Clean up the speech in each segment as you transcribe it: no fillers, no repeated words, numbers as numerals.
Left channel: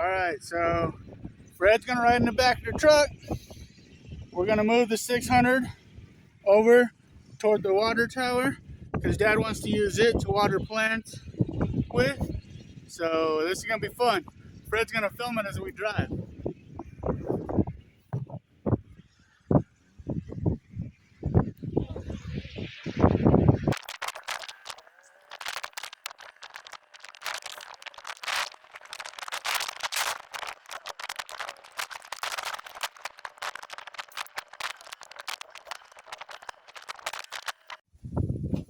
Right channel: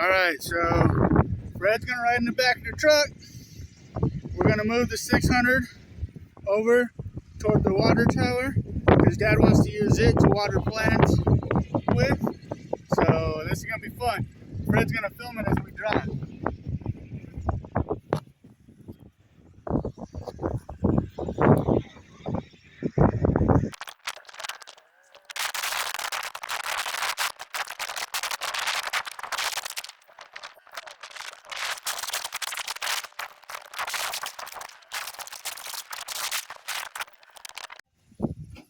Alright, so Fred's gonna ride in the back of the truck. We're gonna move the 600 over toward the water tower because Dad wants to use it to water plants with. So this is gonna be fun. Fred's gonna film it as we drive.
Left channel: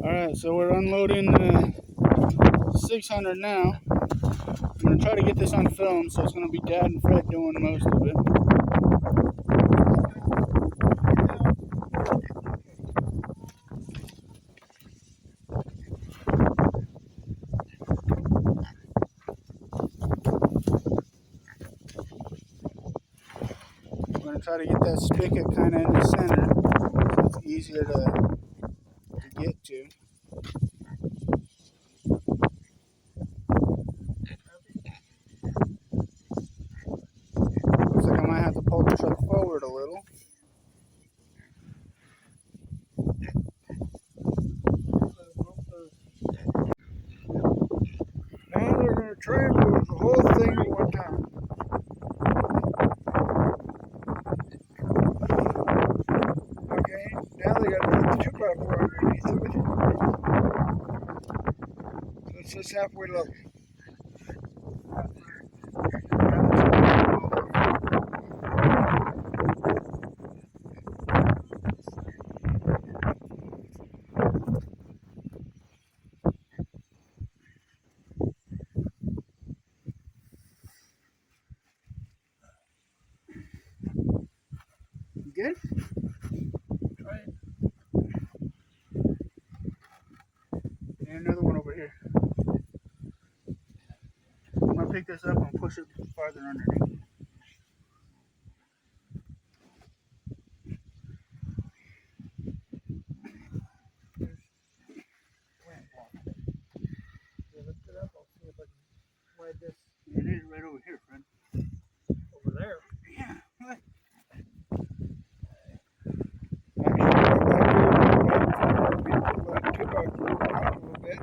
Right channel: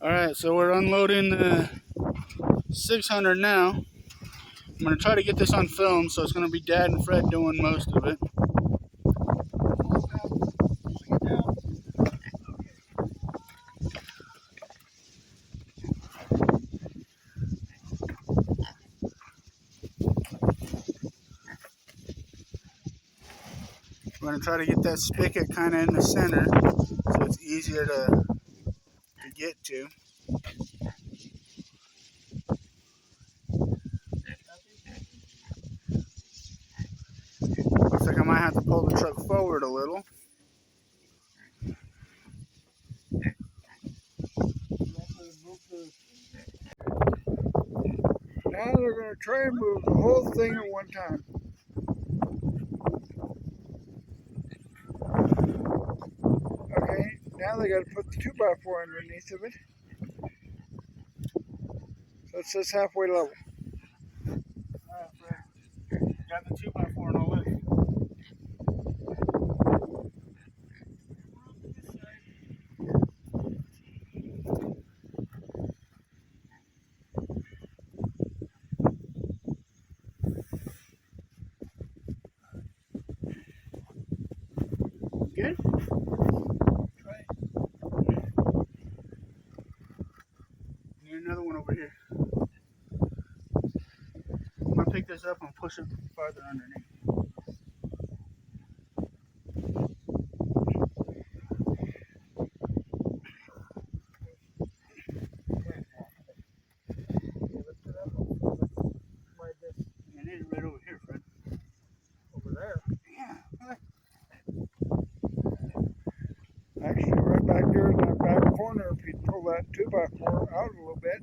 Alright, so we're unloading the 600 now. I'm going to try to get this on film, so it's going to be Dad and Fred doing most of it. We're going to try to get that spigot kind of in the center, so it's easier to get to. Looks like I might have to pull the truck forward a little. Now they're going to try and move the whole thing at one time. Okay, now they got to put the 2x4 underneath of it. So it's just halfway level. Good? Right. And another one over here. I'm going to pick this up and push it farther underneath. It is right over here, Fred. Over there. Yeah, look. Actually, right back there in the back corner, if you pull that 2x4 out a little bit.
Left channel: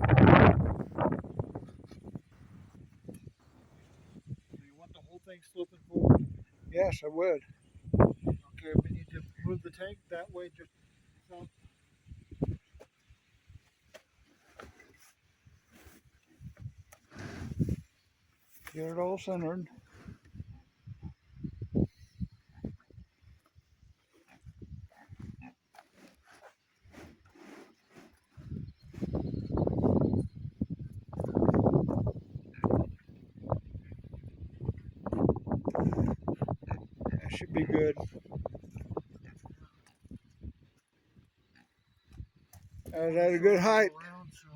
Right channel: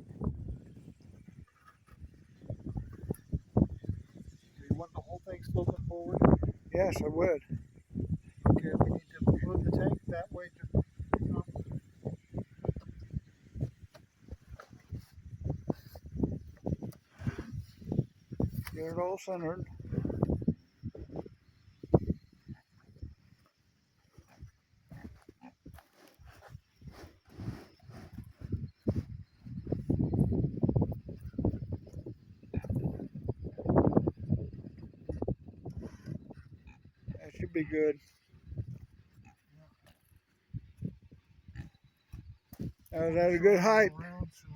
Do you want the whole thing sloping forward? Yes, I would. Okay, we need to move the tank that way to Get it all centered. That should be good. That was at a good height. around, so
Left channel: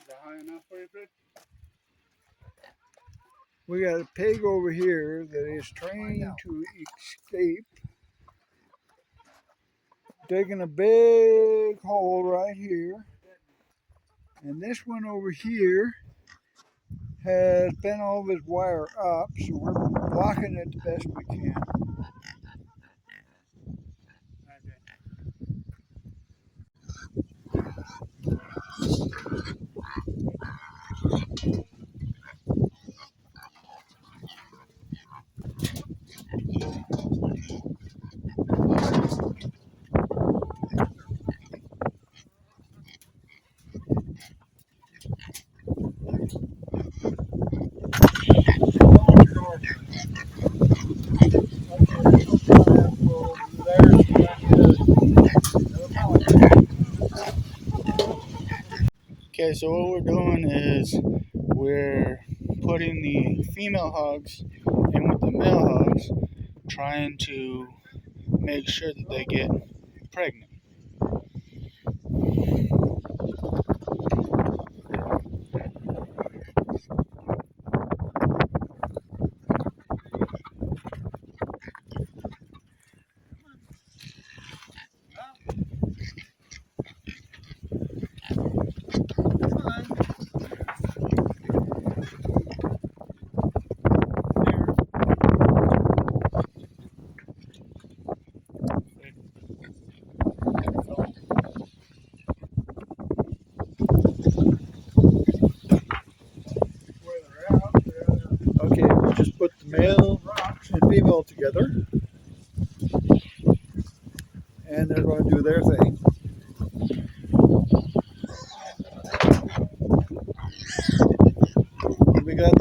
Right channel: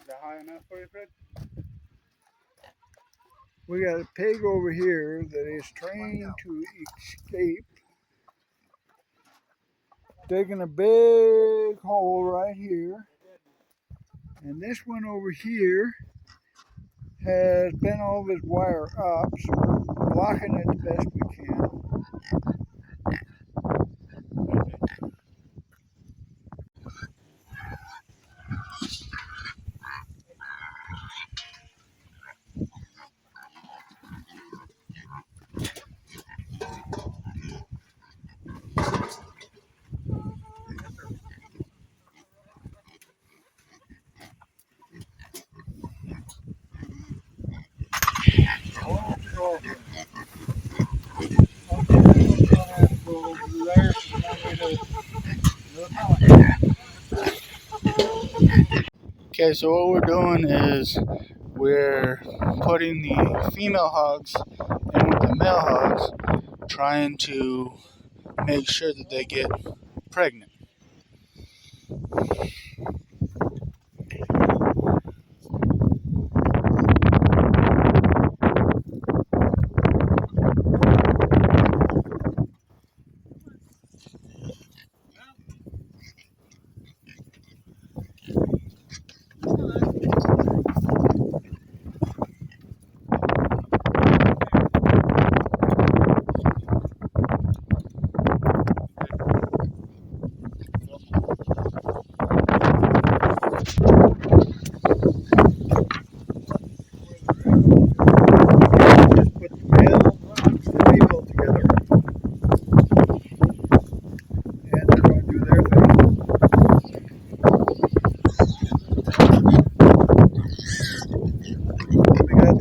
Is that high enough for you, Fred? We got a pig over here that is trying to escape. Digging a big hole right here. And this one over here has bent all of his wire up, so we're blocking it the best we can. Okay, so what we're doing is we're putting the female hogs in with the male hogs, trying to make sure that they get pregnant.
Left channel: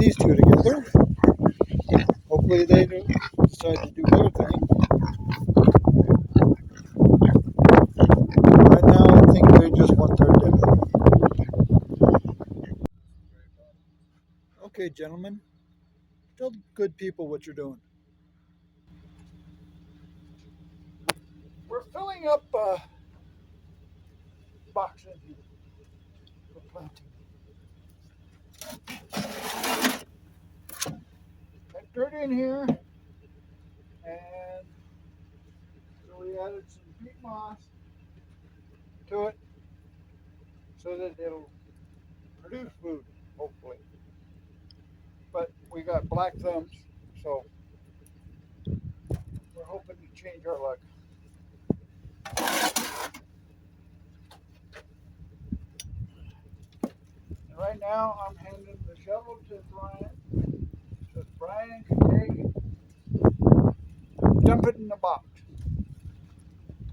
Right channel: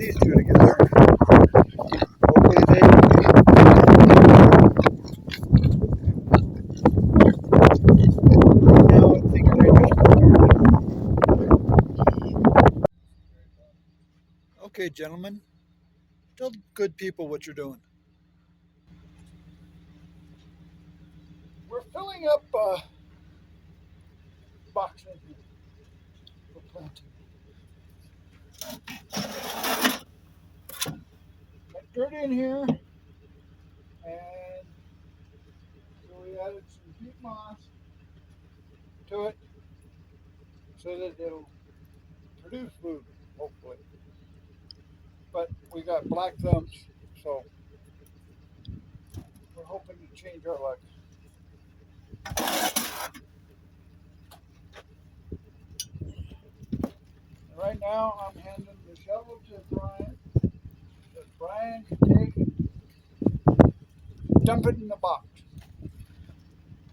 these two together. Hopefully they. Now I think they just want their dinner. Okay, gentlemen, tell the good people what you're doing. We're filling up boxes here for planting. Got dirt in here, and so we added some peat moss to it so that it'll produce food, hopefully. But we got black thumbs, so we're hoping to change our luck. And right now, I'm handing the shovel to Brian, so Brian can take it, dump it in the box.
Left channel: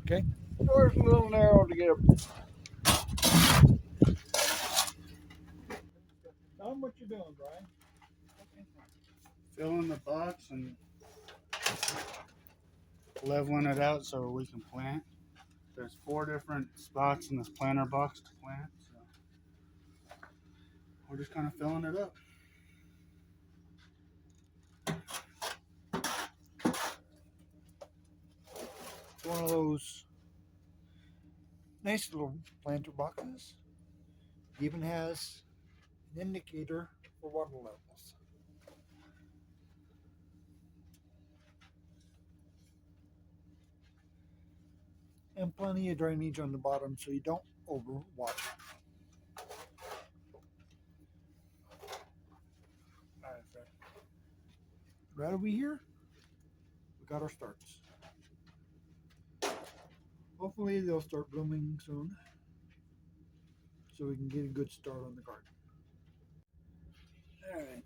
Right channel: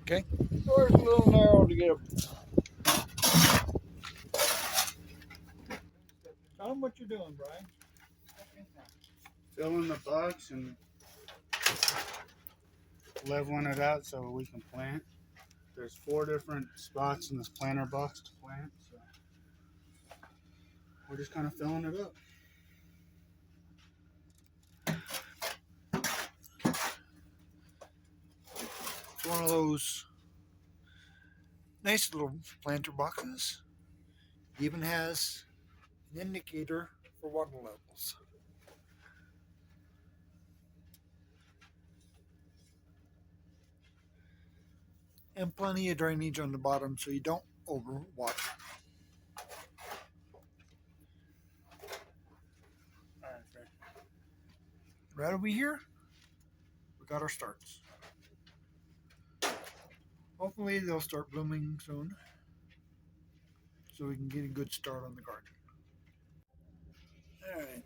Okay? The door's a little narrow to get up. Tell them what you're doing, Brian. Filling the box and leveling it out so we can plant. There's 4 different spots in this planter box to plant, so we're just kind of filling it up. It's one of those nice little planter boxes. It even has an indicator for water levels. And plenty of drainage on the bottom so you don't overwater. All right, Fred. Right over here, we got our starts. Hopefully they'll start blooming soon so we can get a good start on the garden. Alright.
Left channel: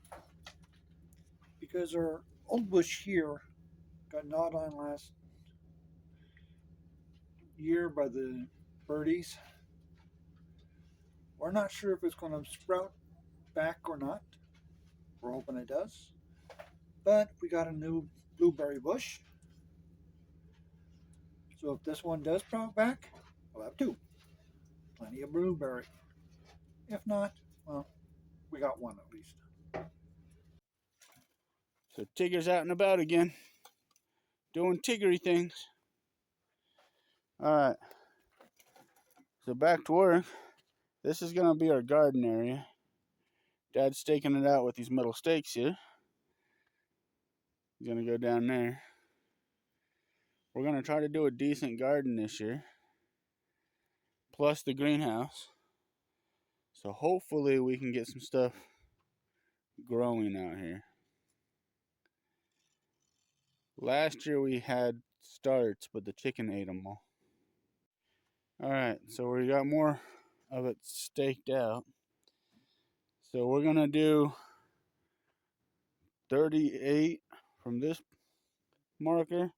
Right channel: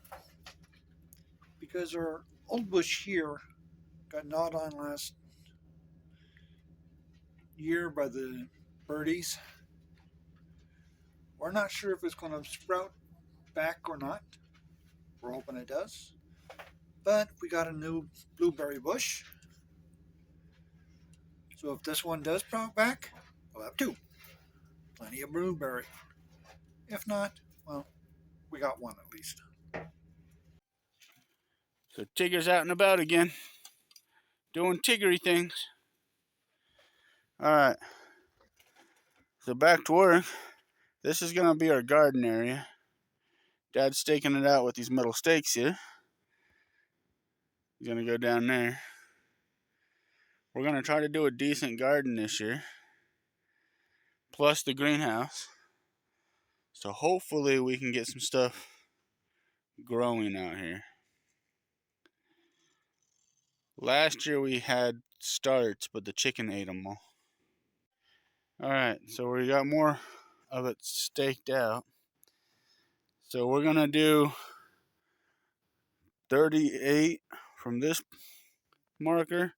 Because our old bush here got gnawed on last year by the birdies. We're not sure if it's going to sprout back or not. We're hoping it does. But we got a new blueberry bush. So if this one does sprout back, we'll have 2. Plenty of blueberry. If not, well, we got 1 at least. So Tigger's out and about again, doing Tiggery things. All right, so back to work. This is gonna be our garden area. Dad's staking it out with these metal stakes here. He's gonna go down there. We're gonna try to do a decent garden this year, plus the greenhouse. So hopefully we can get some stuff growing out here. Last year we had starts, but the chicken ate them all. All right, so we got more of it staked out. So we're gonna do 38 from this marker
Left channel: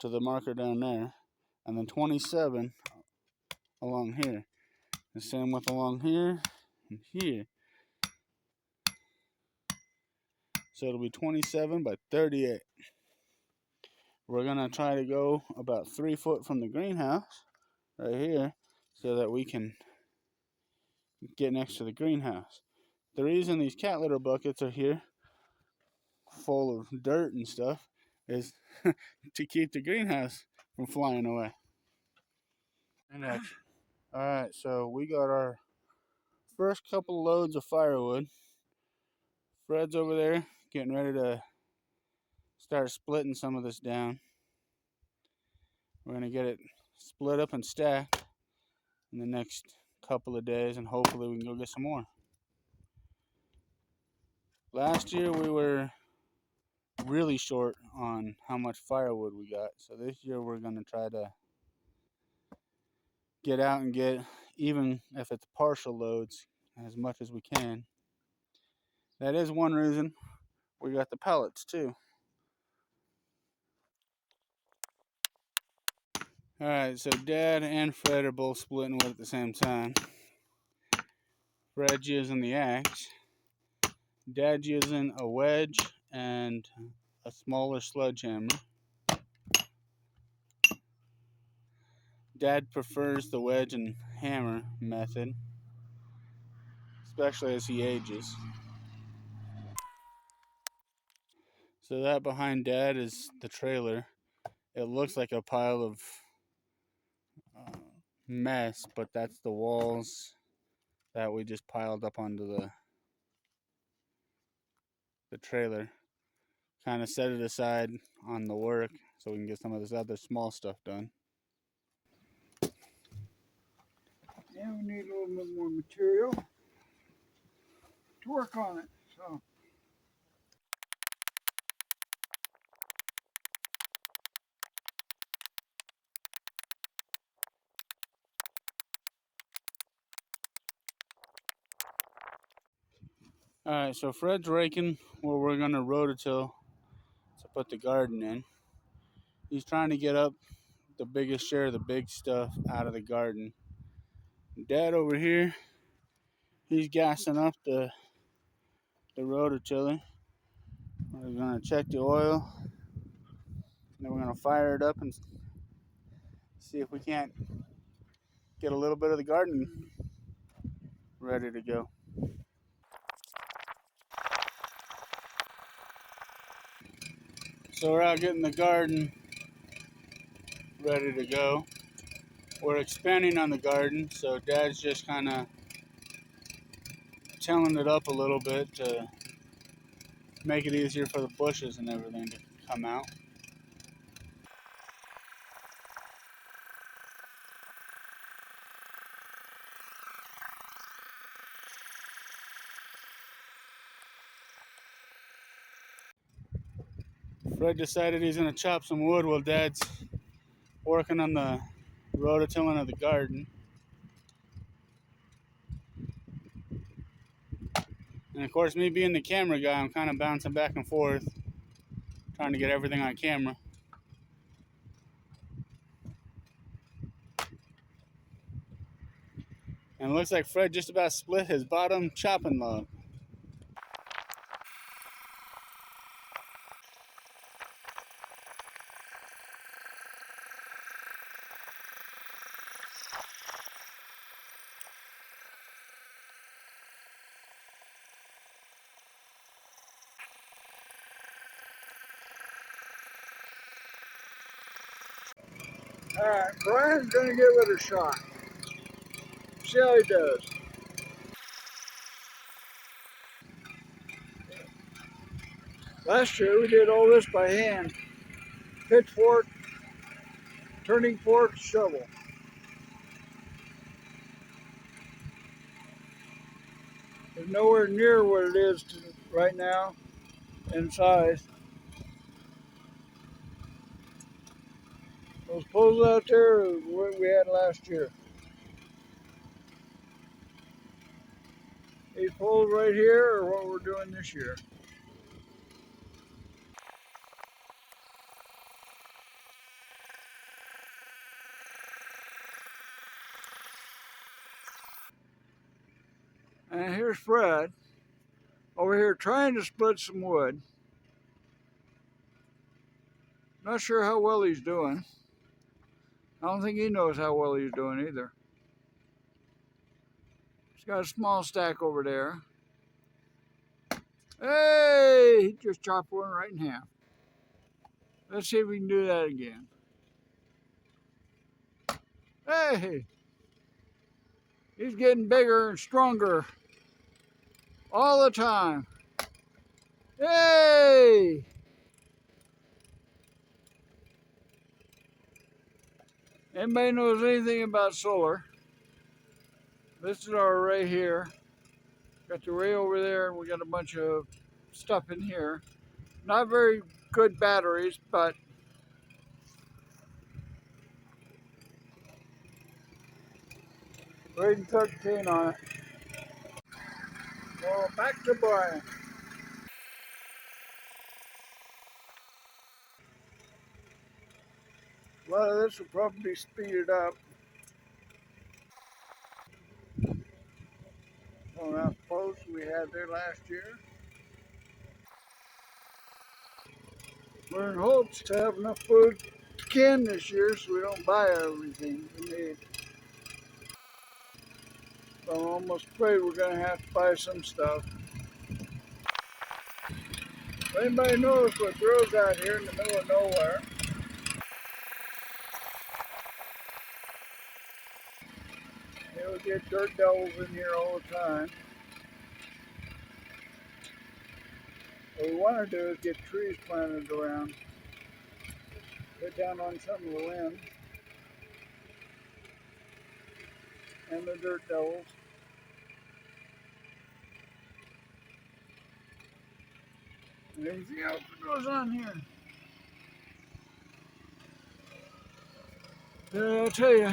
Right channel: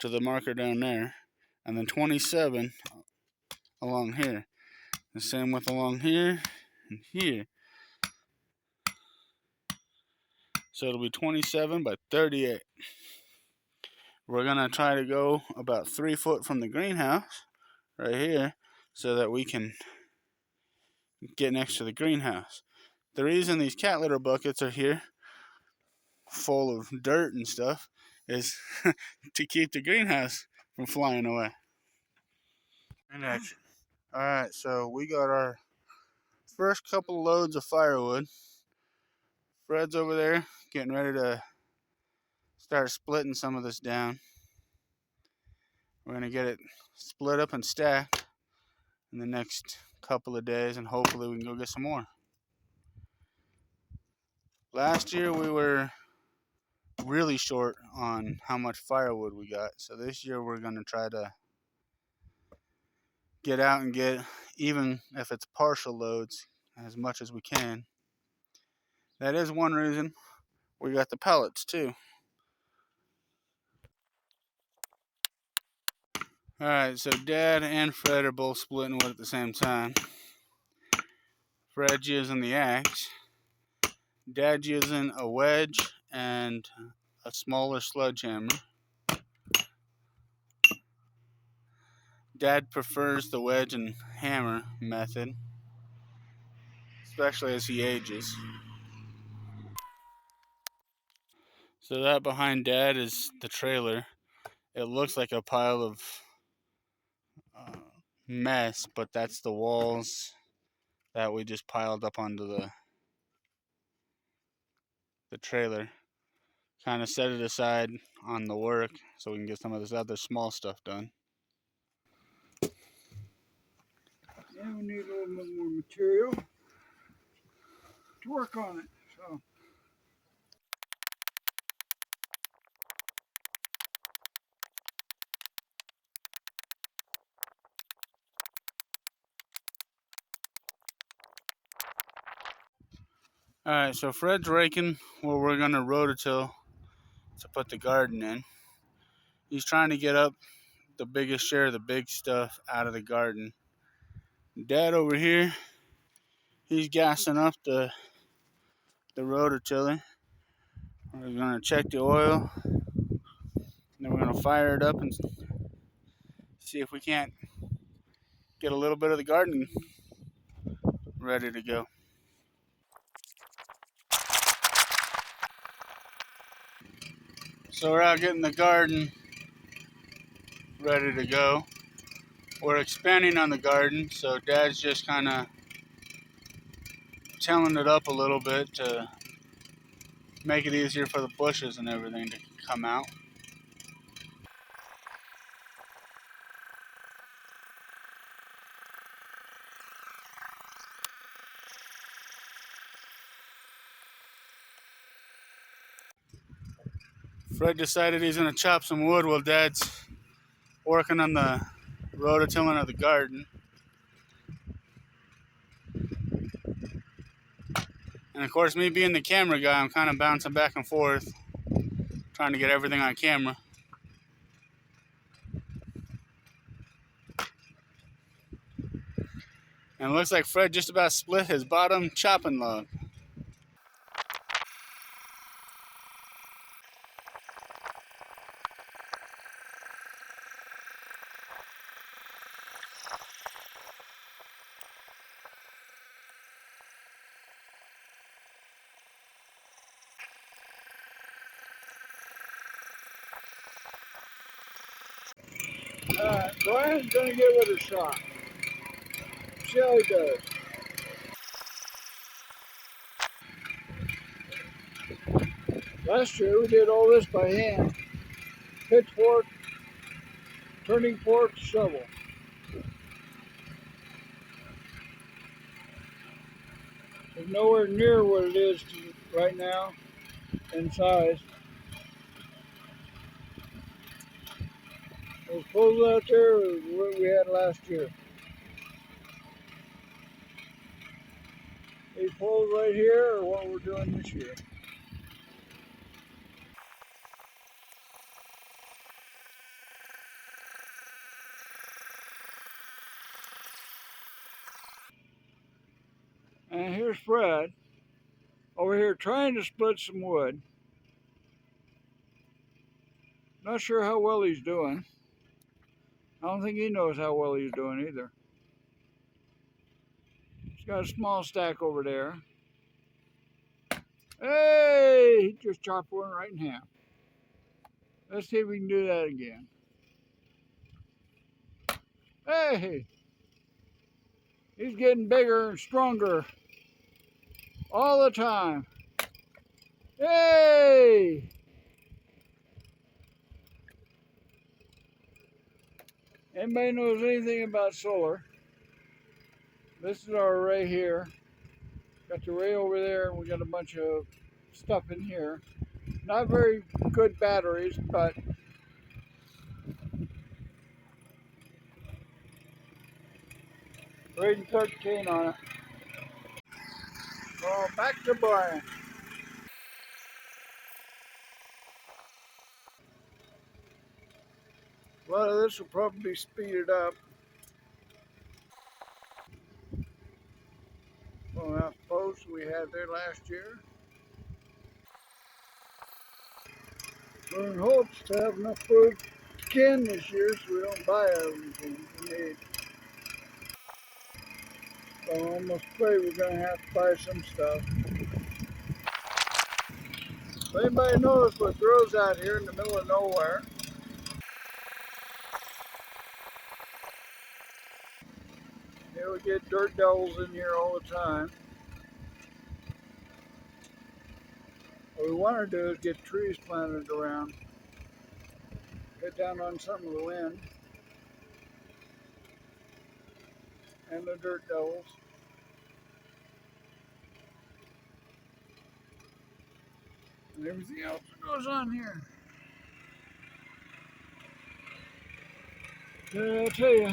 to the marker down there, and then 27 along here. The same with along here and here. So it'll be 27 by 38. We're gonna try to go about 3 foot from the greenhouse right here so that we can get next to the greenhouse. The reason these cat litter buckets are here full of dirt and stuff is to keep the greenhouse from flying away. In action. Alright, so we got our first couple loads of firewood. Fred's over there getting ready to start splitting some of this down. We're going to get it split up and stacked in the next couple of days, and hopefully we can go get some more. Last year we were really short on how much firewood we got, so this year we're going to try to get out and get, even if it's partial loads, as much as we can. That is one reason we got the pellets too. Alright, so Dad and Fred are both splitting wood at the same time. Fred's using the axe. Dad's using a wedge and a smaller sledgehammer. Dad prefers the wedge and hammer method, especially as he ages. So that behind Dad is the trailer. It looks like a pile of mess, but that's the walls that we just piled up onto the trailer. Kind of set it aside on the work so we can get some of this other small stuff done. And we need a little bit more material to work on it. So Alright, so Fred's raking where we're going to rototill to put the garden in. He's trying to get up the biggest share of the big stuff out of the garden. Dad over here, he's gassing up the rototiller. We're going to check the oil, and then we're going to fire it up and see if we can't get a little bit of the garden ready to go. So we're out getting the garden ready to go. We're expanding on the garden, so Dad's just kind of tilling it up a little bit to make it easier for the bushes and everything to come out. Fred decided he's going to chop some wood while Dad's working on the rototilling of the garden. And of course, me being the camera guy, I'm kind of bouncing back and forth, trying to get everything on camera. And it looks like Fred just about split his bottom chopping log. alright, Brian's gonna give it a shot. See how he does. Last year we did all this by hand. Pitchfork, turning fork, shovel. It's nowhere near what it is right now in size. Those poles out there are what we had last year. These poles right here are what we're doing this year. And here's Fred over here trying to split some wood. Not sure how well he's doing. I don't think he knows how well he's doing either. He's got a small stack over there. Hey, he just chopped one right in half. Let's see if we can do that again. Hey, he's getting bigger and stronger all the time. Hey! Anybody knows anything about solar? This is our array here. Got the array over there, and we got a bunch of stuff in here. Not very good batteries, but rating 13 on it. So back to Brian. A lot of this will probably be speeded up. On that post we had there last year. We're in hopes to have enough food to can this year so we don't buy everything we need. So I'm almost afraid we're going to have to buy some stuff. If anybody knows what grows out here in the middle of nowhere, we get dirt devils in here all the time. What we want to do is get trees planted around, get down on some of the wind and the dirt devils. And everything else that goes on here. I'll tell you,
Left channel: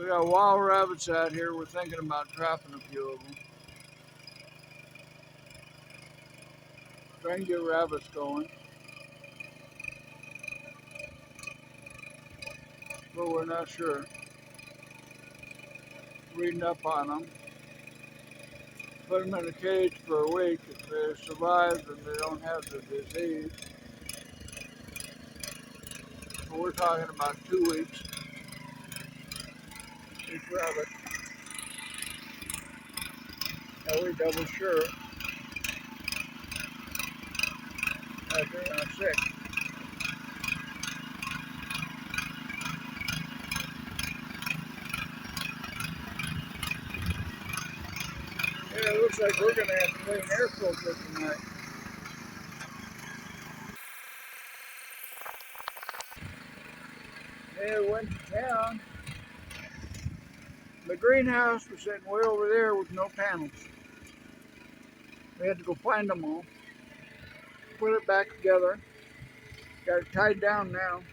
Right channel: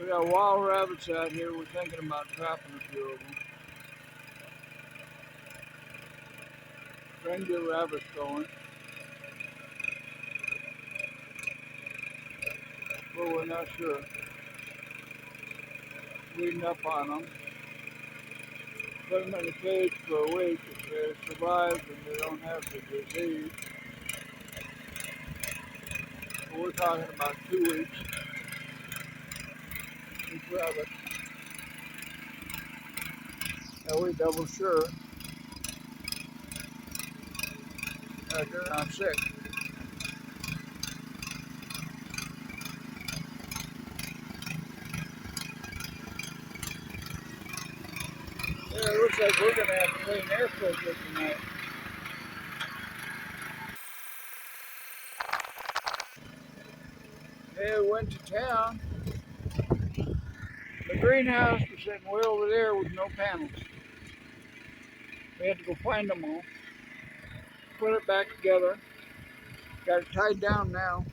we got wild rabbits out here. We're thinking about trapping a few of them. Trying to get rabbits going. But we're not sure. Reading up on them. Put them in a cage for a week. If they survive and they don't have the disease. But we're talking about 2 weeks. Each rabbit. Now we double sure that they're not sick. Yeah, it looks like we're going to have to clean air filter tonight. Yeah, we went to town. The greenhouse was sitting way over there with no panels. We had to go find them all. Put it back together. Got it tied down now.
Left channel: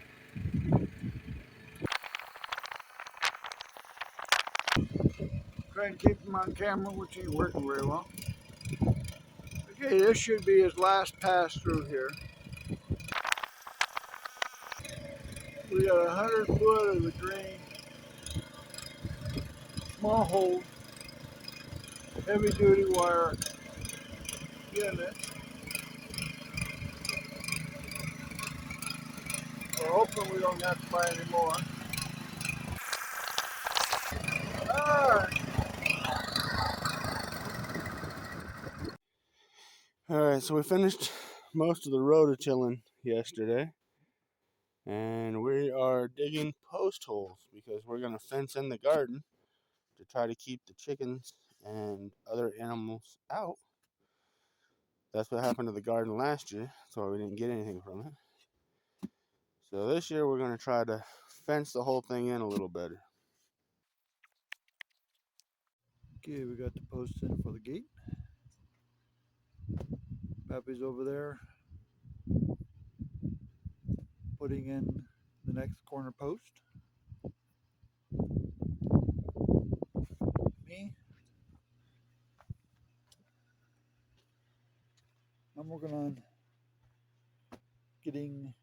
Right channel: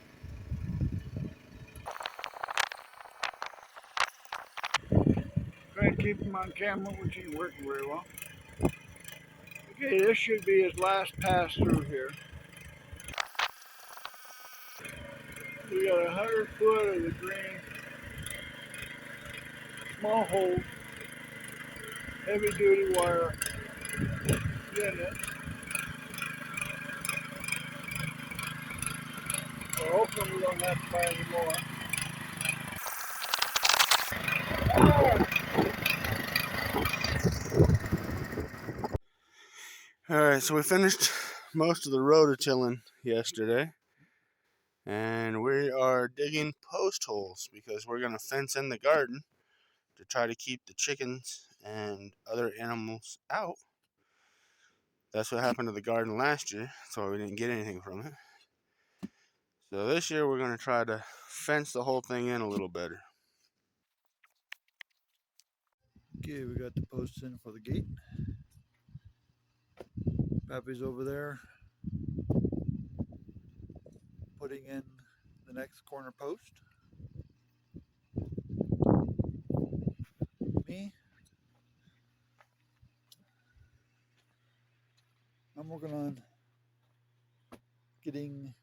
Try and keep them on camera, which ain't working very well. Okay, this should be his last pass through here. We got 100 foot of the green, small hole, heavy duty wire in it. We're hoping we don't have to buy any more. Alright, so we finished most of the rototilling yesterday. And we are digging post holes because we're going to fence in the garden to try to keep the chickens and other animals out. That's what happened to the garden last year, so we didn't get anything from it. So this year we're going to try to fence the whole thing in a little better. Okay, we got the posts in for the gate. Pappy's over there putting in the next corner post. Me, I'm working on getting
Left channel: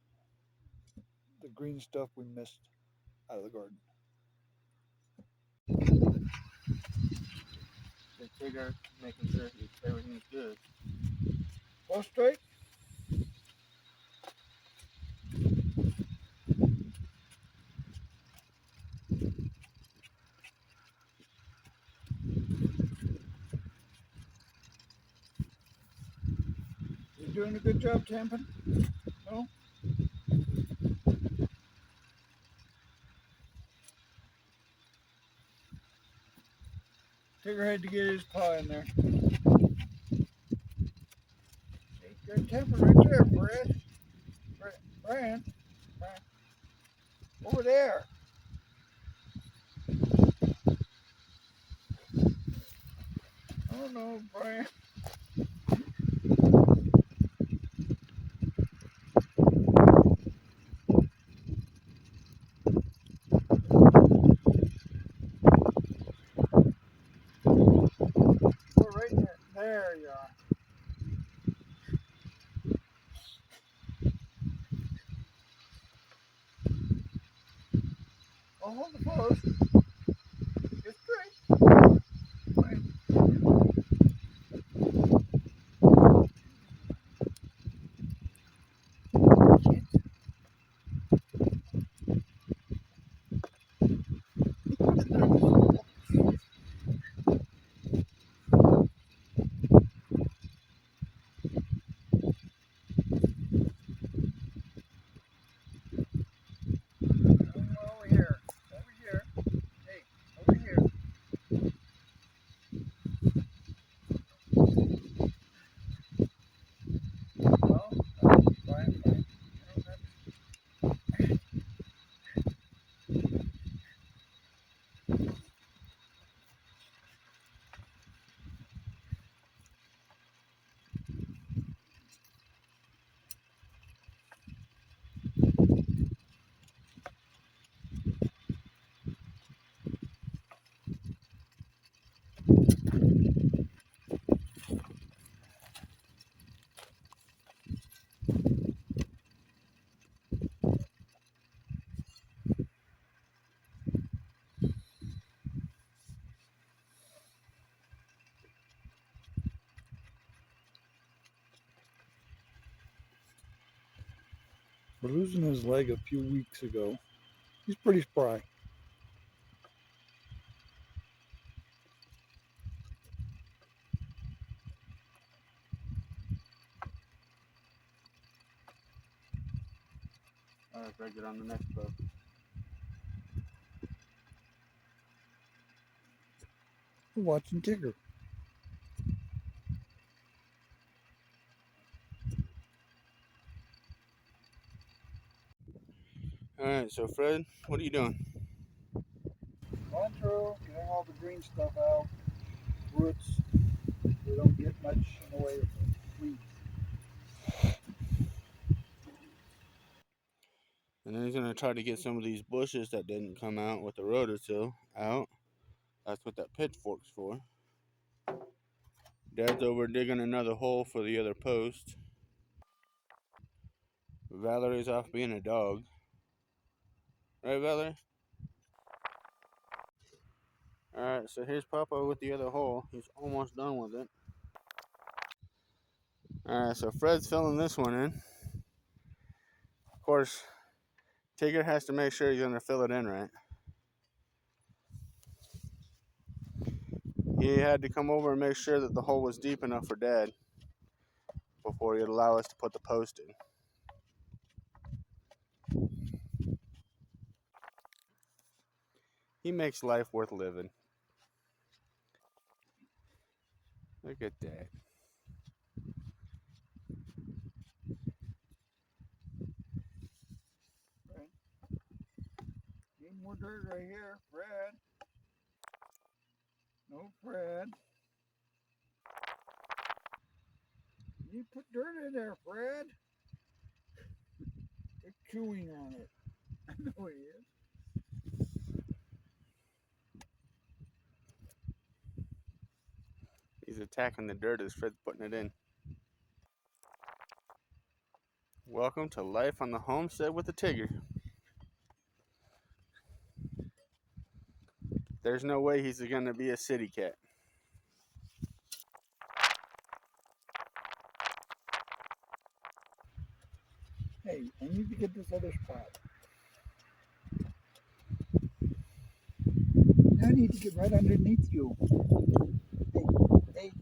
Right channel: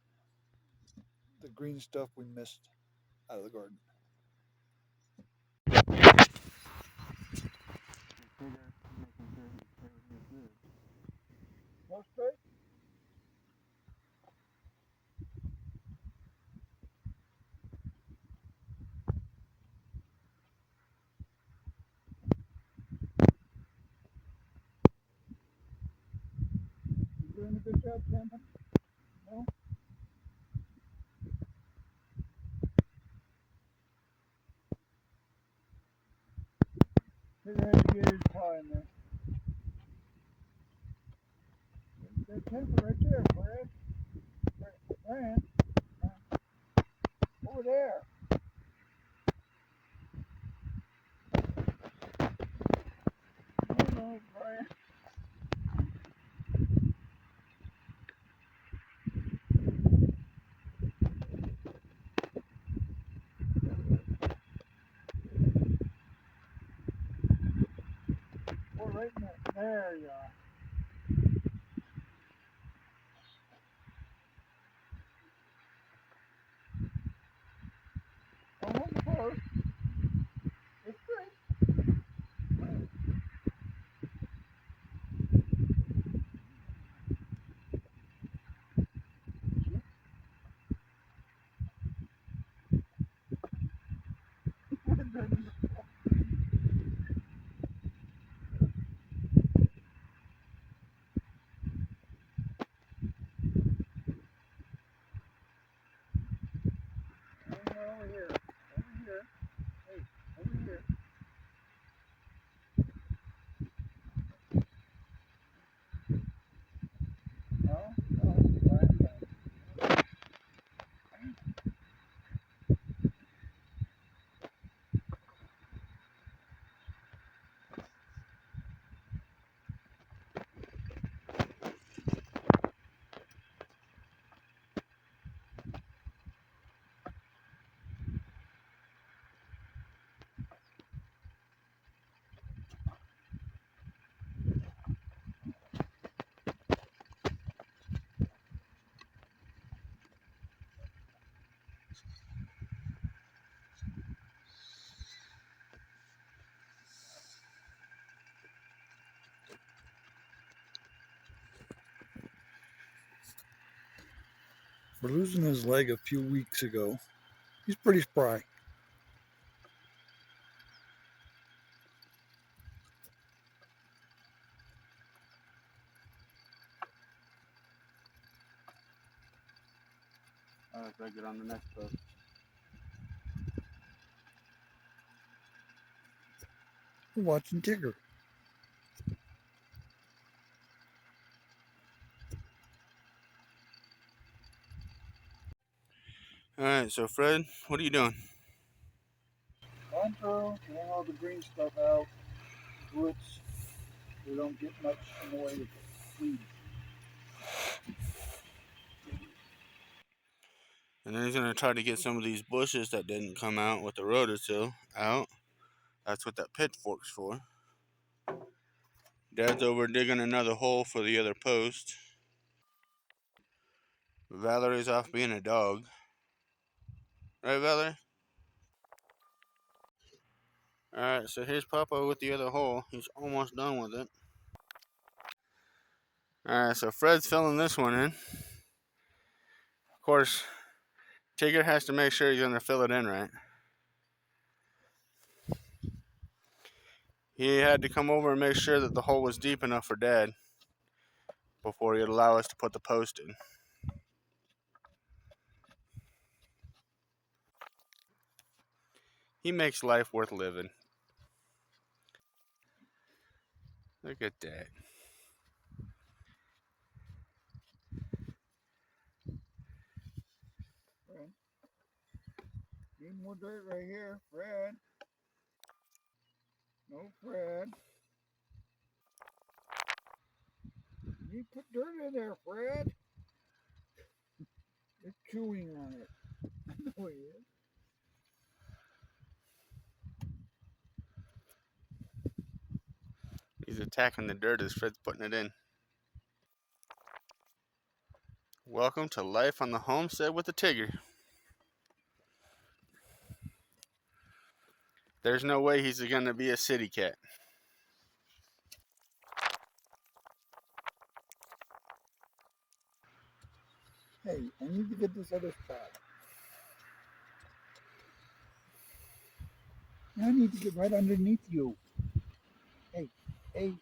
the green stuff we missed out of the garden. Tigger making sure everything's good. Go straight. You doing a good job tamping? No? Tigger had to get his paw in there. Good tamping right there, Brad. Brian. Over there. Oh no, Brian. Go right there. There you are. Don't hold the post. It's great. Right. For losing his leg a few weeks ago. He's pretty spry. Alright, Fred, get on the next post. We're watching Tigger. Alright, so Fred, what are you doing? Going through, getting all the green stuff out, roots. We don't get much in the way of weeds. And then he's going to try to get some of these bushes that didn't come out with the rototill out. That's what that pitchfork's for. Dad's over digging another hole for the other post. Valerie's off being a dog. Right, Valerie? Alright, so here's Papa with the other hole. He's almost done with it. Alright, so Fred's filling this one in. Of course, Tigger has to make sure he's going to fill it in right. He had to come over and make sure that the hole was deep enough for Dad before he'd allow us to put the post in. He makes life worth living. Look at that. Need more dirt right here, Fred. No, Fred. You put dirt in there, Fred. They're chewing on it. I know he is. He's attacking the dirt as Fred's putting it in. Welcome to life on the homestead with the Tigger. There's no way he's going to be a city cat. Hey, I need to get this other spot. I need to get right underneath you. Hey, hey.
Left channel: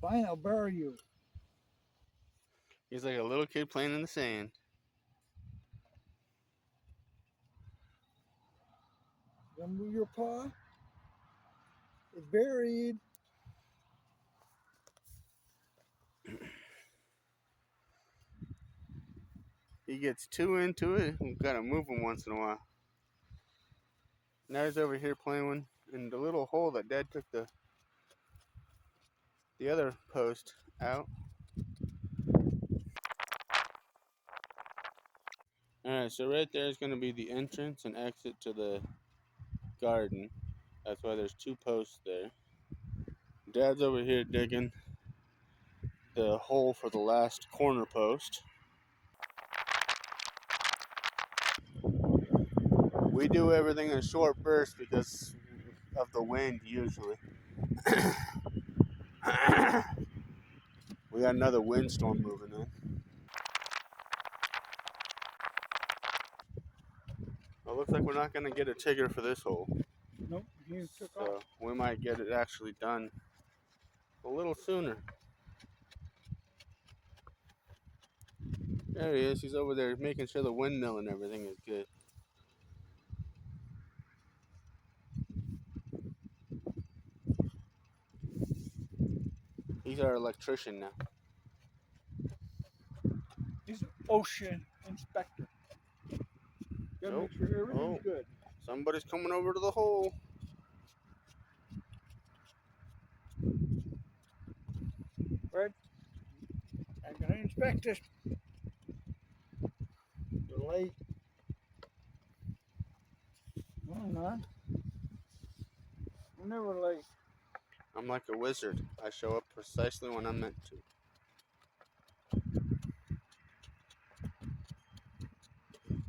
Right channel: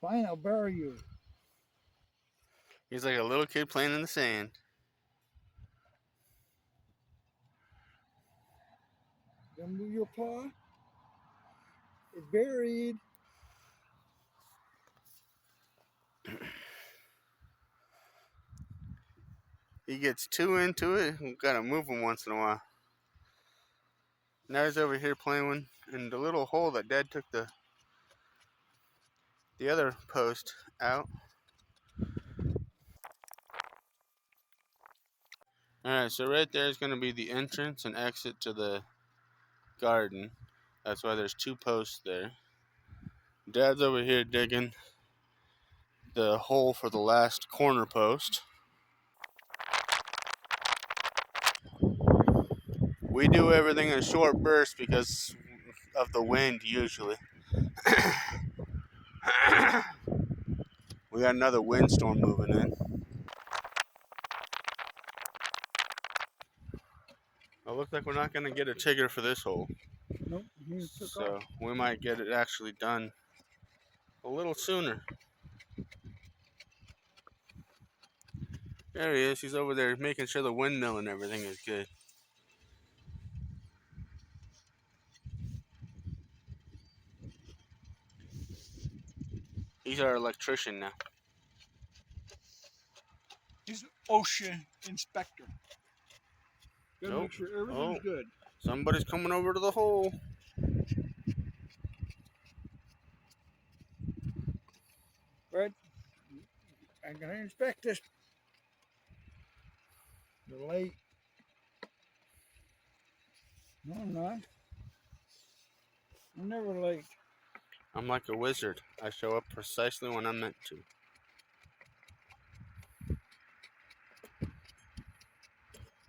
Fine, I'll bury you. He's like a little kid playing in the sand. Gonna move your paw? It's buried. He gets too into it. We've got to move him once in a while. Now he's over here playing in the little hole that Dad took the other post out. Alright, so right there is going to be the entrance and exit to the garden. That's why there's two posts there. Dad's over here digging the hole for the last corner post. We do everything in short bursts because of the wind usually. We got another windstorm moving in. Well, looks like we're not going to get a Tigger for this hole. Nope, he took So off. we might get it actually done a little sooner. There he is. He's over there making sure the windmill and everything is good. He's our electrician now. He's an ocean inspector. Gotta make sure everything's good. Somebody's coming over to the hole. Right? I'm gonna inspect this. You're late. No, I'm not. I'm never late. I'm like a wizard. I show up precisely when I'm meant to.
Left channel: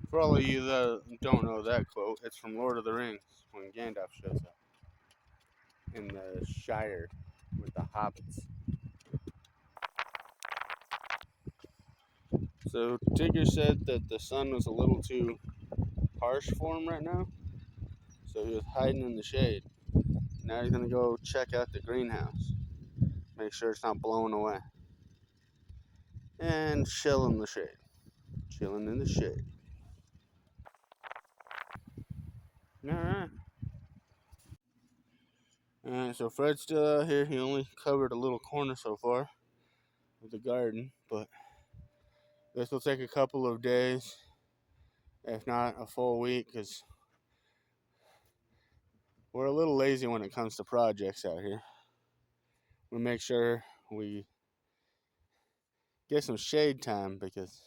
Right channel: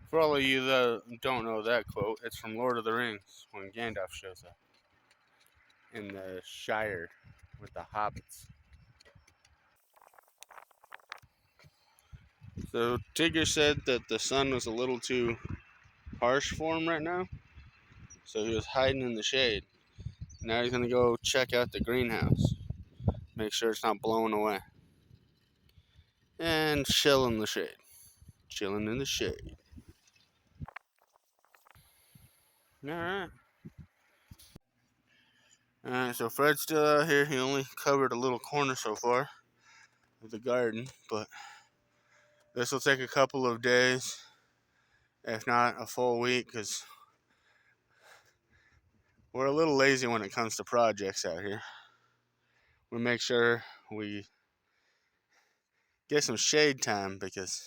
For all of you that don't know that quote, it's from Lord of the Rings when Gandalf shows up. in the Shire with the hobbits. So Tigger said that the sun was a little too harsh for him right now, so he was hiding in the shade. Now he's gonna go check out the greenhouse, make sure it's not blowing away, and chill in the shade. Chilling in the shade. Alright. Alright, so Fred's still out here. He only covered a little corner so far of the garden, but this will take a couple of days, if not a full week, because we're a little lazy when it comes to projects out here. We make sure we get some shade time because,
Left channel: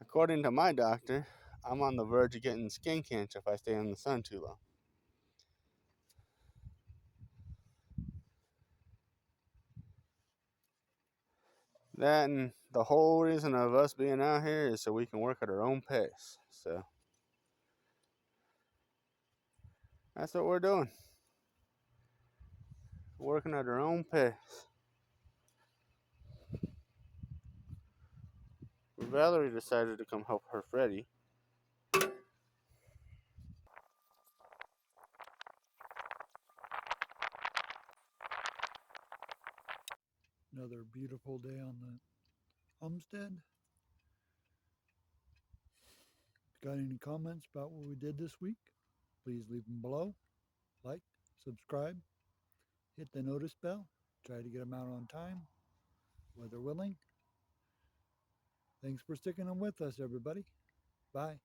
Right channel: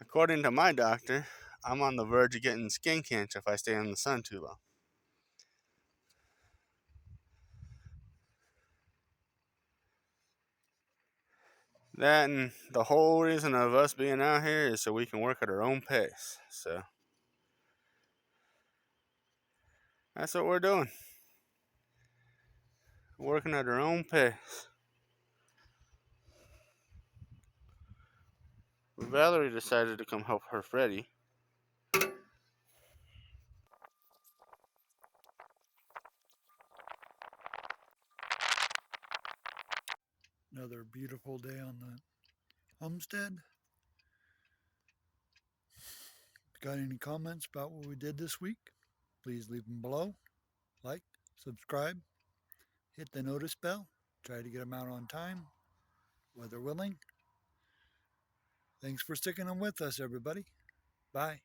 according to my doctor, I'm on the verge of getting skin cancer if I stay in the sun too long. That and the whole reason of us being out here is so we can work at our own pace. So that's what we're doing. Working at our own pace. Valerie decided to come help her Freddie. Another beautiful day on the homestead. If you got any comments about what we did this week, please leave them below. Like, subscribe, hit the notice bell. Try to get them out on time, weather willing. Thanks for sticking them with us, everybody. Bye.